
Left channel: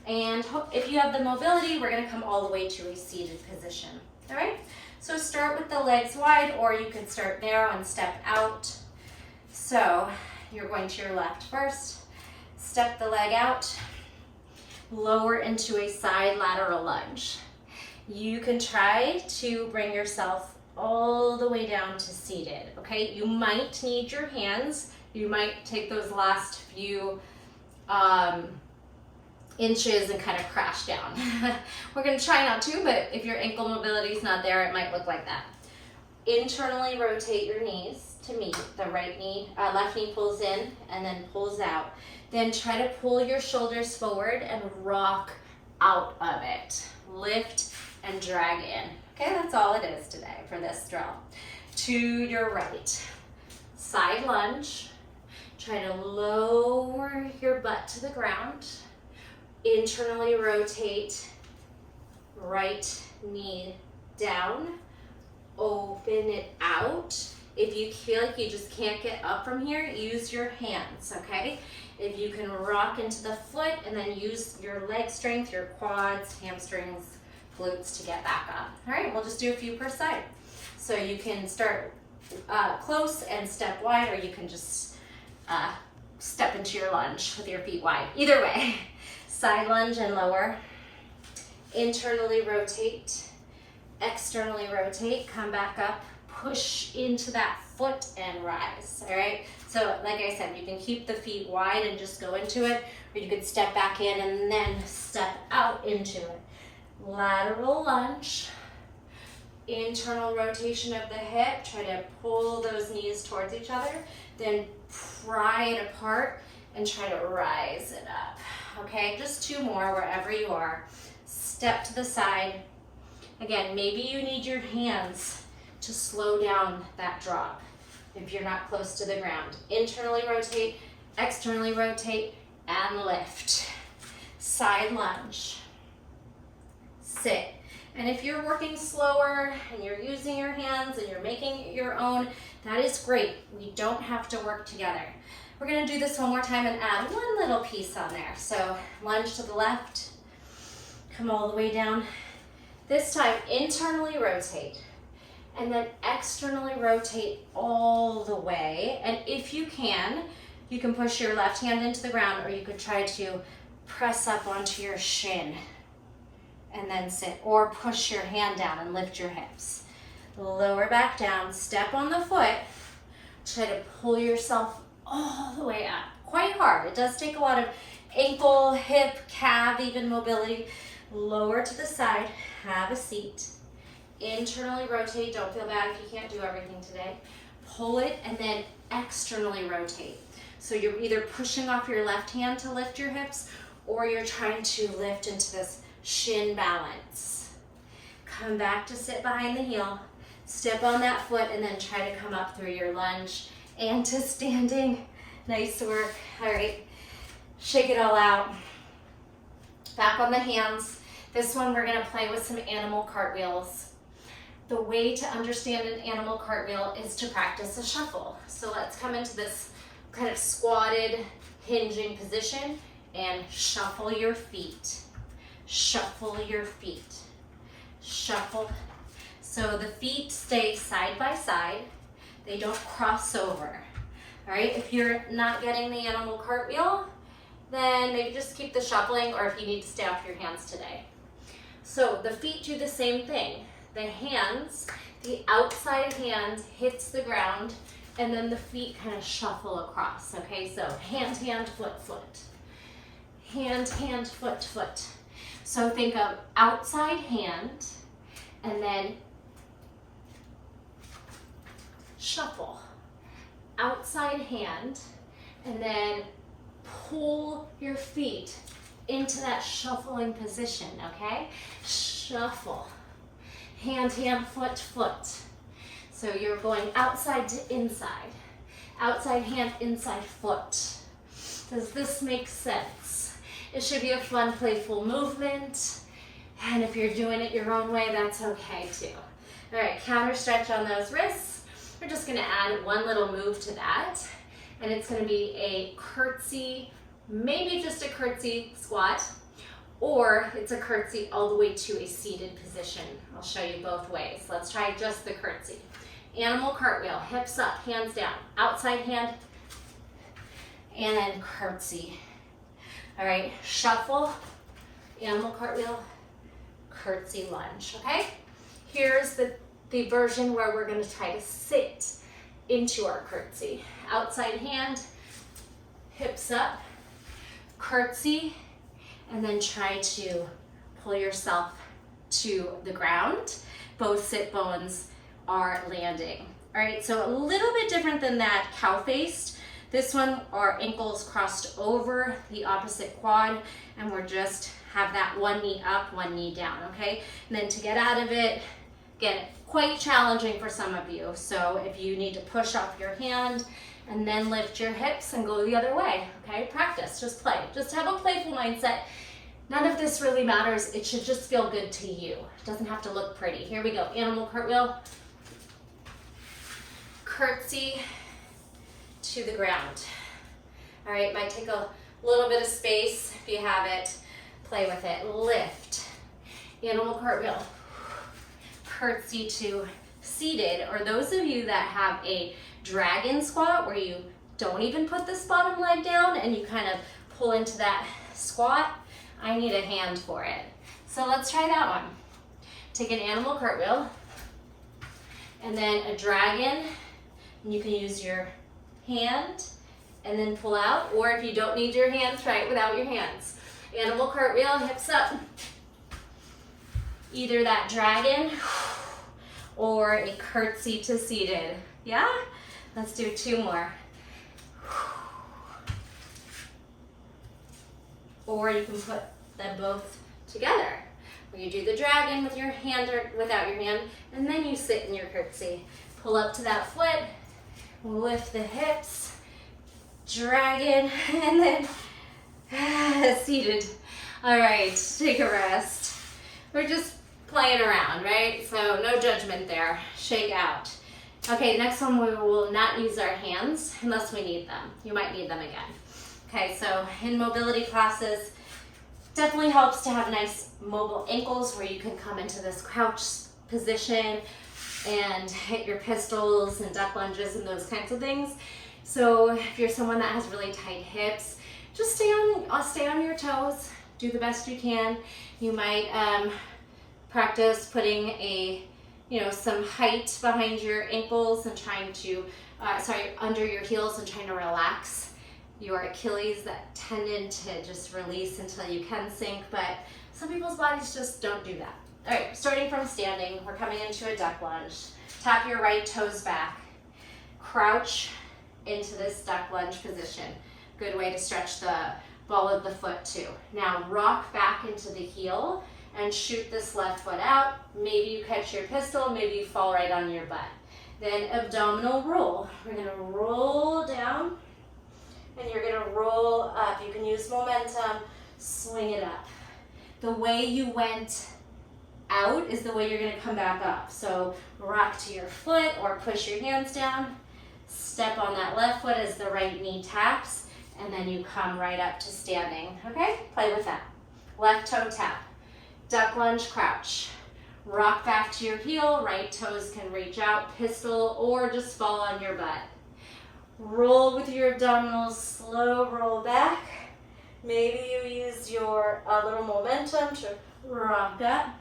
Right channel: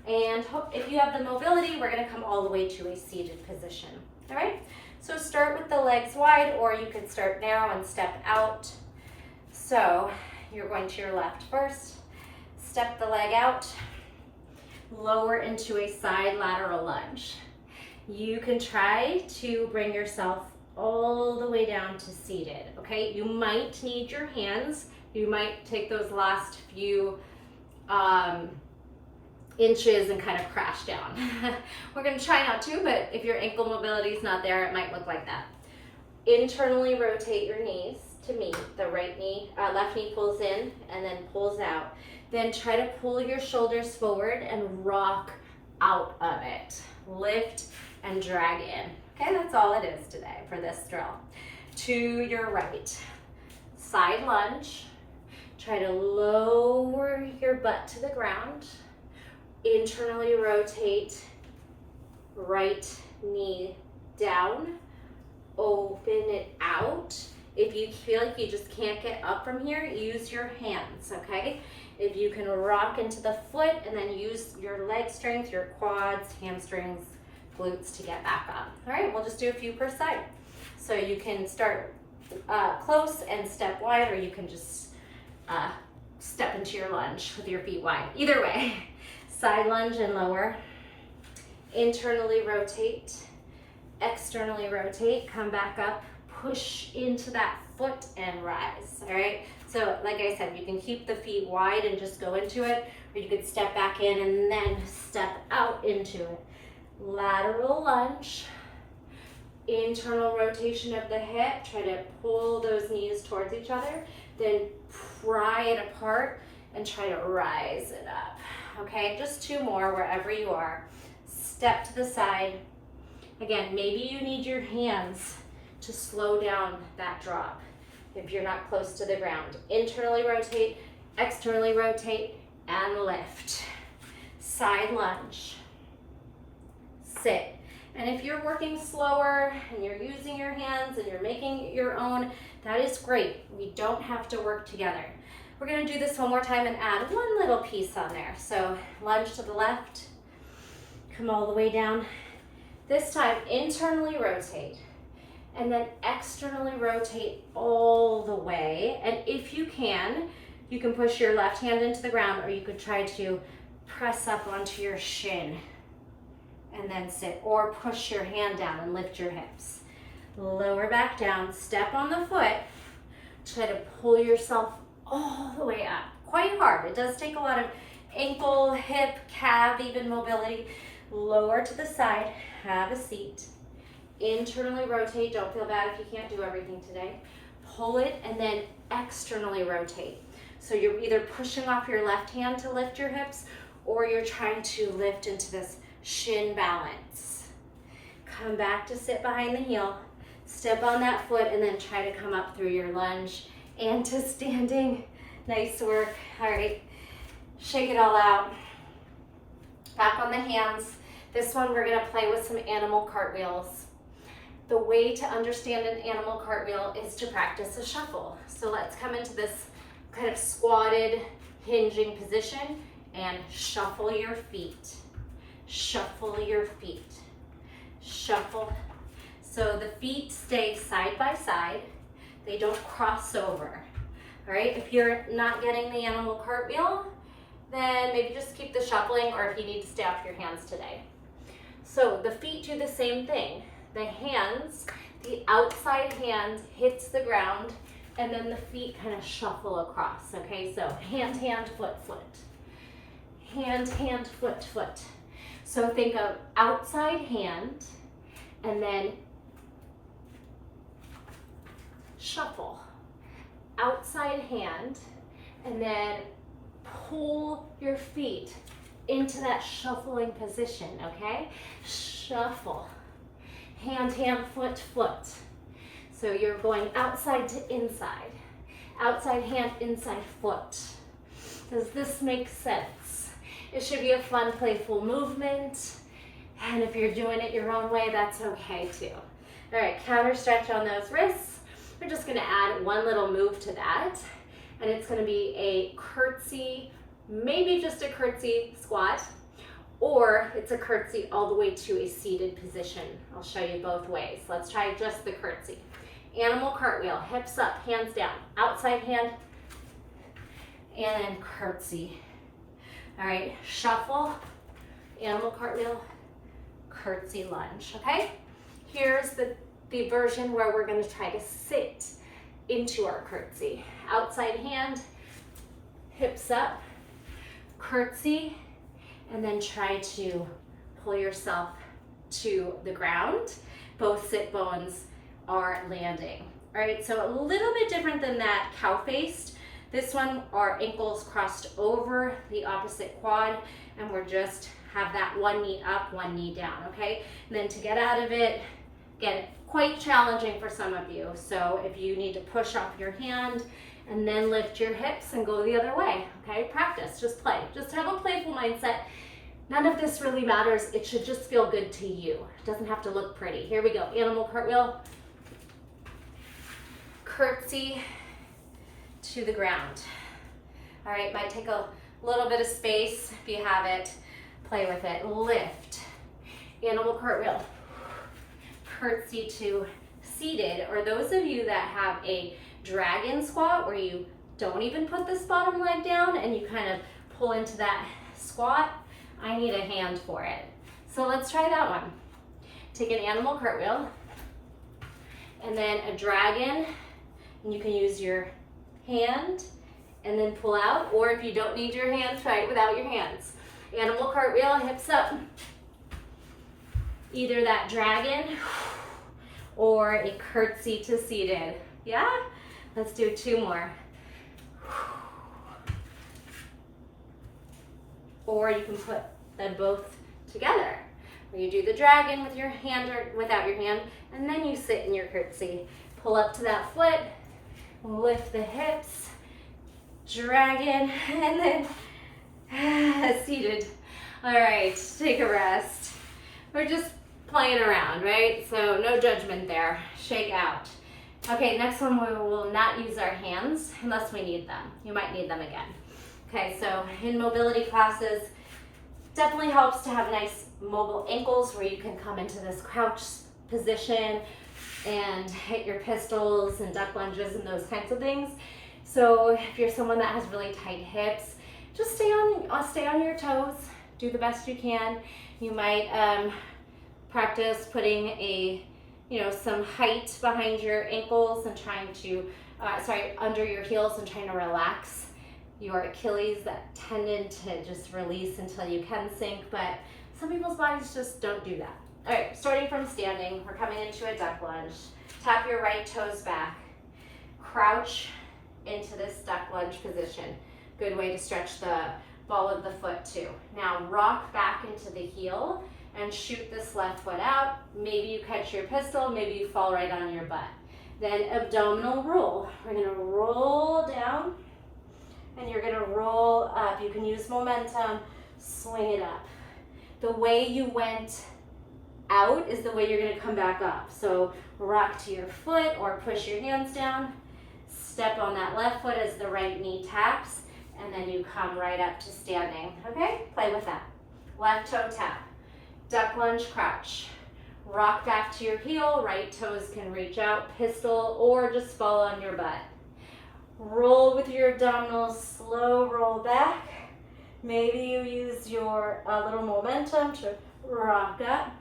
And if you have the mobility, we're gonna come all the way to a seated position. All right, so start with the legs wide, or you can start narrow and step out. So you're going to your left first, step the leg out, lower into a side lateral lunge. You can try to bring yourself all the way down to seated, okay? You might need your hands. You might take those last few inches and kind of crash down. We're gonna try not to, but if your ankle mobility is not there, it might look like that. Internally rotate your knees to meet. The right knee, left knee pulls in and then pulls out. Then try to pull your shoulders forward and rock out of it. Lift and drag in. Okay, that's all it is today for this drill. To your right, side lunge. Try to lower your butt to the ground. Internally rotate, right knee down. Open it out. If you feel like you just can't get up from here, use your hands, okay? If you can rock into the foot and then use your leg strength, your quads, hamstrings, glutes to get back up. All right, we'll just do a few per side. So you can start close and step wide, or you can just step into your lunge with your feet wide. Either way, side lunge and lower. Internally rotate, externally rotate, come back up, push into that foot and rise, all right? So like I said, you can keep the feet wide and just go into it, or you could step back in and then step out into it. Lateral lunge, internal rotation of the hip, try to pull those knees towards each other, then pry it apart and try to rise it up, okay? Just two more wherever you are. Step to the side. Again, maybe you need your hands to slow down that drop if you're not close to the ground. Internally rotate, externally rotate, and lift. Side lunge. Sit. And if you're working slower and you're using your hands and you're making it your own, that is great. We don't have to work together. We're gonna do this one more time and add one little piece on there. So lunge to the left, come all the way down. This time, internally rotate, and then externally rotate all the way. And if you can push your left hand into the ground, or you could try to press up onto your shin and then sit, or push your hand down and lift your hips. Lower back down, step on the foot, try to pull yourself all the way up. Quite hard. It does take a lot of ankle, hip, calf, even mobility. Lower to the side, have a seat. Internally rotate, don't feel bad if you can't do everything today. Pull it and then externally rotate. So you're either pushing off your left hand to lift your hips, or you're trying to lift into this shin balance. Come back to sit behind the heel, step on that foot, and then try to come up through your lunge and to standing. Nice work. All right, shake it all out. Back on the hands. This one we're gonna play with some animal cartwheels. The way to understand an animal cartwheel is to practice a shuffle. So let's come into this kind of squatted, hinging position and shuffle your feet. Shuffle your feet. Shuffle. So the feet stay side by side. They don't cross over. All right, if you're not getting the animal cartwheel, then maybe just keep the shuffling, or if you need to stay off your hands today. So the feet do the same thing. The hands, the outside hand hits the ground, and then the feet kind of shuffle across, okay? So hand, hand, foot, foot. Hand, hand, foot, foot. So think of outside hand, and then shuffle. Outside hand, and then pull your feet into that shuffling position, okay? Shuffle. Hand, hand, foot, foot. So you're going outside to inside. Outside hand, inside foot. Does this make sense? It should be a fun, playful movement. And if you're doing it your own way, that's okay too. All right, counter stretch on those wrists. We're just gonna add one little move to that. And it's gonna be a curtsy, maybe just a curtsy squat, or it's a curtsy all the way to a seated position. I'll show you both ways. Let's try just the curtsy. Animal cartwheel, hips up, hands down, outside hand, and then curtsy. All right, shuffle, animal cartwheel, curtsy lunge, okay? Here's the version where we're gonna try to sit into our curtsy. Outside hand, hips up, curtsy, and then try to pull yourself to the ground. Both sit bones are landing. All right, so a little bit different than that cow-faced. This one, our ankles crossed over the opposite quad, and we're just have that one knee up, one knee down, okay? And then to get out of it, get quite challenging for some of you. So if you need to push up your hand and then lift your hips and go the other way, okay? Practice, just play. Just have a playful mindset. None of this really matters. It should just feel good to you. It doesn't have to look pretty. Here we go, animal cartwheel. Curtsy to the ground. All right, might take a little bit of space if you have it. Play with it. Lift. Animal cartwheel. Curtsy to seated, or those of you that have a dragon squat where you don't even put this bottom leg down and you kind of pull into that squat, I need a hand for it. So let's try that one. Take an animal cartwheel and then a dragon, and you can use your hand and then pull out, or if you don't need your hands, try it without your hands. Animal cartwheel, hips up. Either that dragon or a curtsy to seated. Yeah? Let's do two more. Or you can put them both together, where you do the dragon with your hand or without your hand, and then you sit in your curtsy. Pull up to that foot, lift the hips, dragon, and then seated. All right, take a rest. We're just playing around, right? So no judgment there. Shake out. Okay, next one, we will not use our hands unless we need them. You might need them again. Okay, so in mobility classes, definitely helps to have nice mobile ankles where you can come into this crouch position and hit your pistols and duck lunges and those kinds of things. So if you're someone that has really tight hips, just stay on your toes. Do the best you can. You might practice putting some height behind your ankles and trying to, under your heels and trying to relax your Achilles, that tendon to just release until you can sink, but some people's bodies just don't do that. All right, starting from standing, we're coming into a duck lunge. Tap your right toes back. Crouch into this duck lunge position. Good way to stretch the ball of the foot too. Now rock back into the heel and shoot this left foot out. Maybe you catch your pistol, maybe you fall right on your butt. Then abdominal roll. We're gonna roll down and you're gonna roll up. You can use momentum, swing it up. The way you went out is the way you're gonna come back up. So rock to your foot or push your hands down. Step on that left foot as the right knee taps, and then you come right up to standing, okay? Play with that. Left toe tap, duck lunge, crouch. Rock back to your heel, right toes can reach out, pistol, or just fall on your butt. Roll with your abdominals, slow roll back. Maybe you use your little momentum to rock up.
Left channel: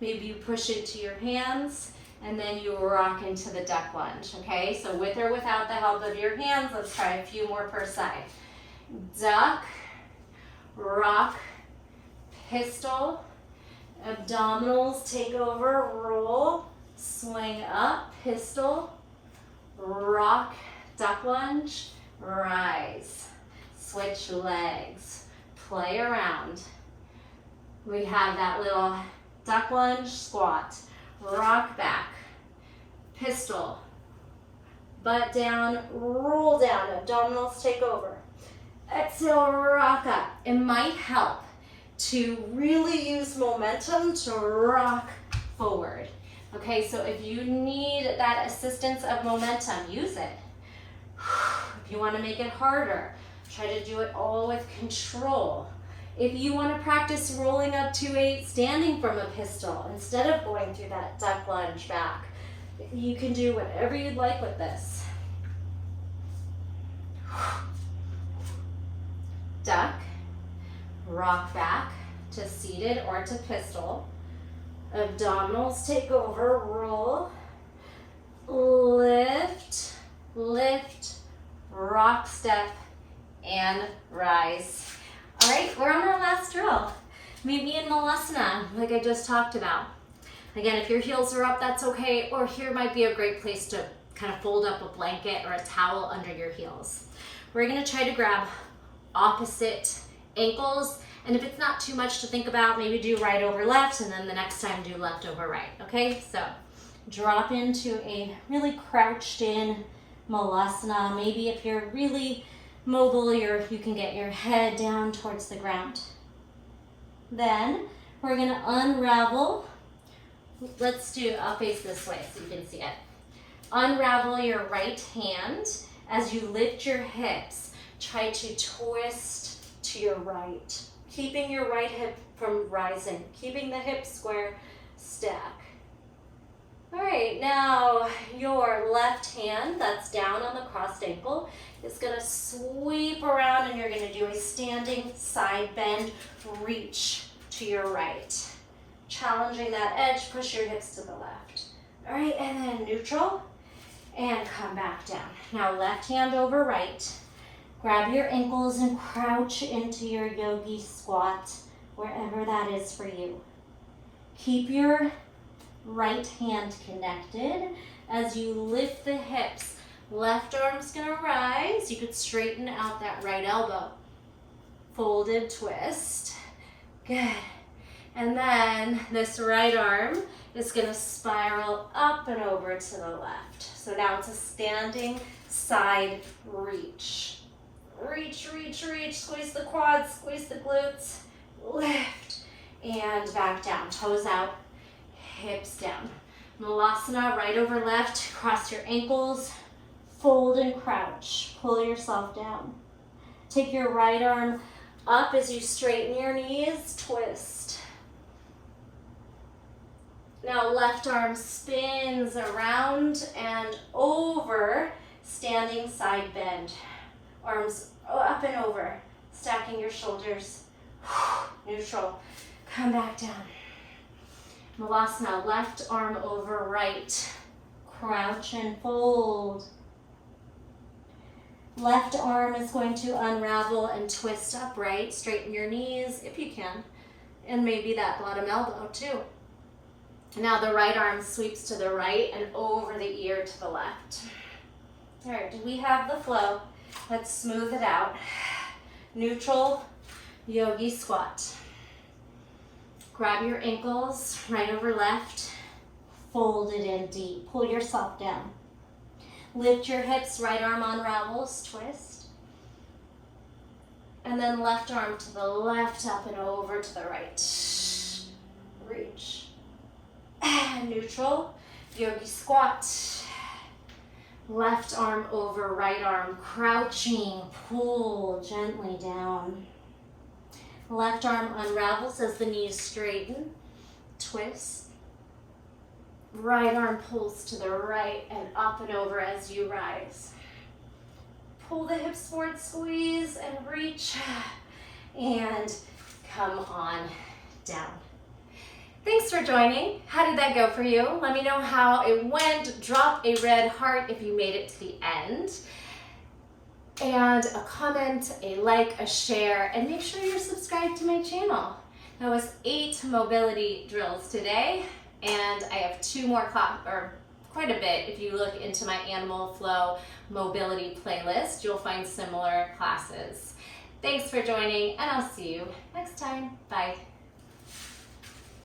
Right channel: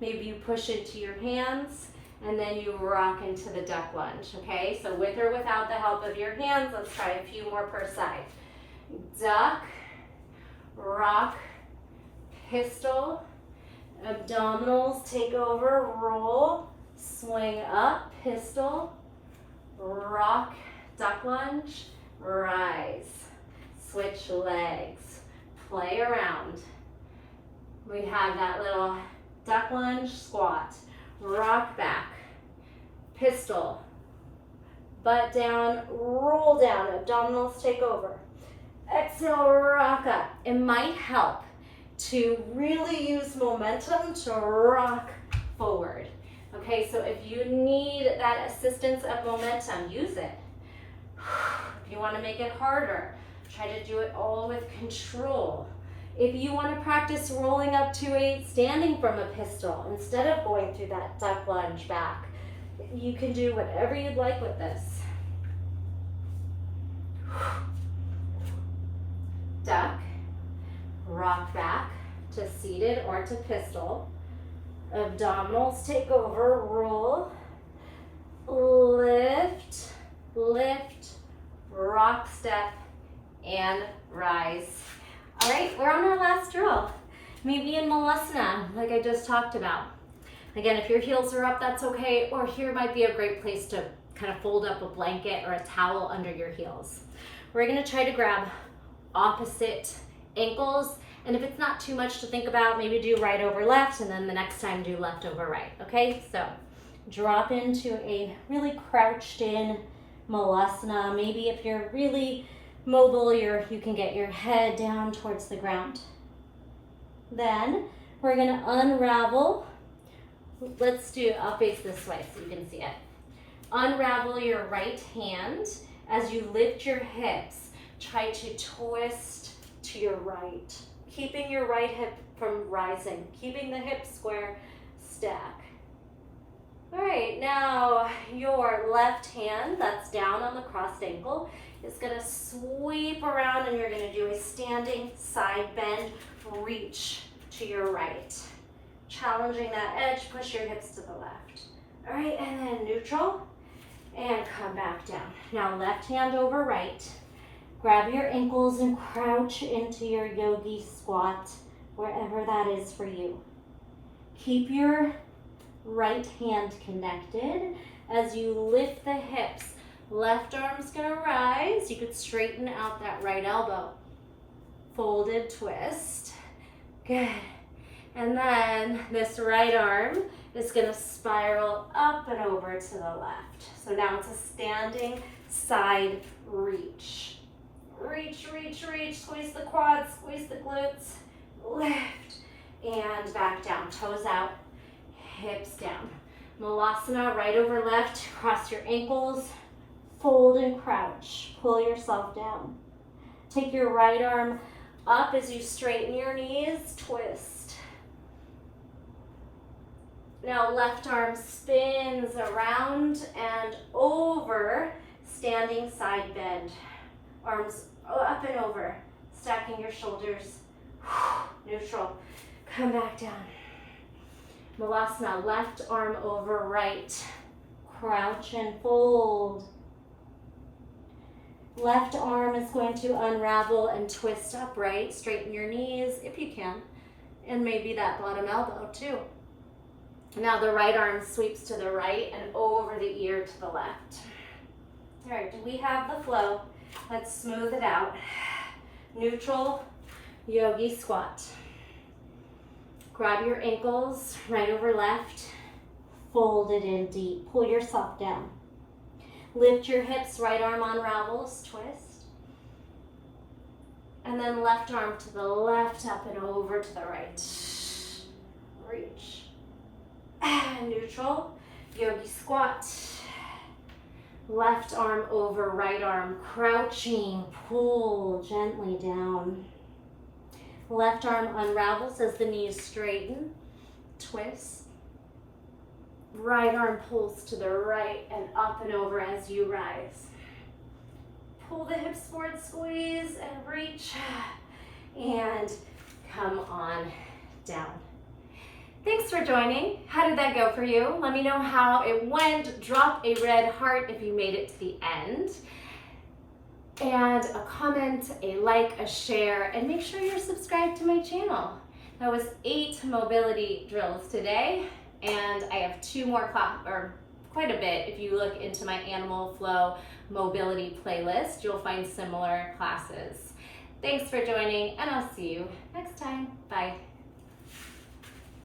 Maybe you push into your hands, and then you rock into the duck lunge, okay? So with or without the help of your hands, let's try a few more per side. Duck, rock, pistol, abdominals take over, roll, swing up, pistol, rock, duck lunge, rise, switch legs, play around. We have that little duck lunge, squat, rock back, pistol, butt down, roll down, abdominals take over. Exhale, rock up. It might help to really use momentum to rock forward. Okay, so if you need that assistance of momentum, use it. If you want to make it harder, try to do it all with control. If you want to practice rolling up to a standing from a pistol instead of going through that duck lunge back, you can do whatever you'd like with this. Duck, rock back to seated or to pistol. Abdominals take over, roll, lift, lift, rock step, and rise. All right, we're on our last drill. Maybe in Malasana, like I just talked about. Again, if your heels are up, that's okay, or here might be a great place to kind of fold up a blanket or a towel under your heels. We're gonna try to grab opposite ankles, and if it's not too much to think about, maybe do right over left, and then the next time do left over right, okay? So drop into a really crouched in Malasana. Maybe if you're really mobile, you can get your head down towards the ground. Then we're gonna unravel. Let's do, I'll face this way so you can see it. Unravel your right hand. As you lift your hips, try to twist to your right, keeping your right hip from rising, keeping the hips square, stack. All right, now your left hand that's down on the crossed ankle is gonna sweep around, and you're gonna do a standing side bend, reach to your right. Challenging that edge, push your hips to the left. All right, and then neutral, and come back down. Now left hand over right. Grab your ankles and crouch into your yogi squat, wherever that is for you. Keep your right hand connected as you lift the hips. Left arm's gonna rise. You could straighten out that right elbow. Folded twist. Good. And then this right arm is gonna spiral up and over to the left. So now it's a standing side reach. Reach, reach, reach, squeeze the quads, squeeze the glutes, lift, and back down, toes out, hips down. Malasana, right over left, cross your ankles, fold and crouch, pull yourself down. Take your right arm up as you straighten your knees, twist. Now left arm spins around and over, standing side bend. Arms up and over, stacking your shoulders, neutral. Come back down. Malasana, left arm over right, crouch and fold. Left arm is going to unravel and twist upright, straighten your knees if you can, and maybe that bottom elbow too. Now the right arm sweeps to the right and over the ear to the left. All right, do we have the flow? Let's smooth it out. Neutral yogi squat. Grab your ankles, right over left, fold it in deep, pull yourself down. Lift your hips, right arm unravels, twist. And then left arm to the left, up and over to the right. Reach. And neutral yogi squat. Left arm over right arm, crouching, pull gently down. Left arm unravels as the knees straighten, twist. Right arm pulls to the right and up and over as you rise. Pull the hips forward, squeeze and reach, and come on down. Thanks for joining. How did that go for you? Let me know how it went. Drop a red heart if you made it to the end. And a comment, a like, a share, and make sure you're subscribed to my channel. That was 8 mobility drills today, and I have 2 more quite a bit. If you look into my Animal Flow mobility playlist, you'll find similar classes. Thanks for joining, and I'll see you next time. Bye.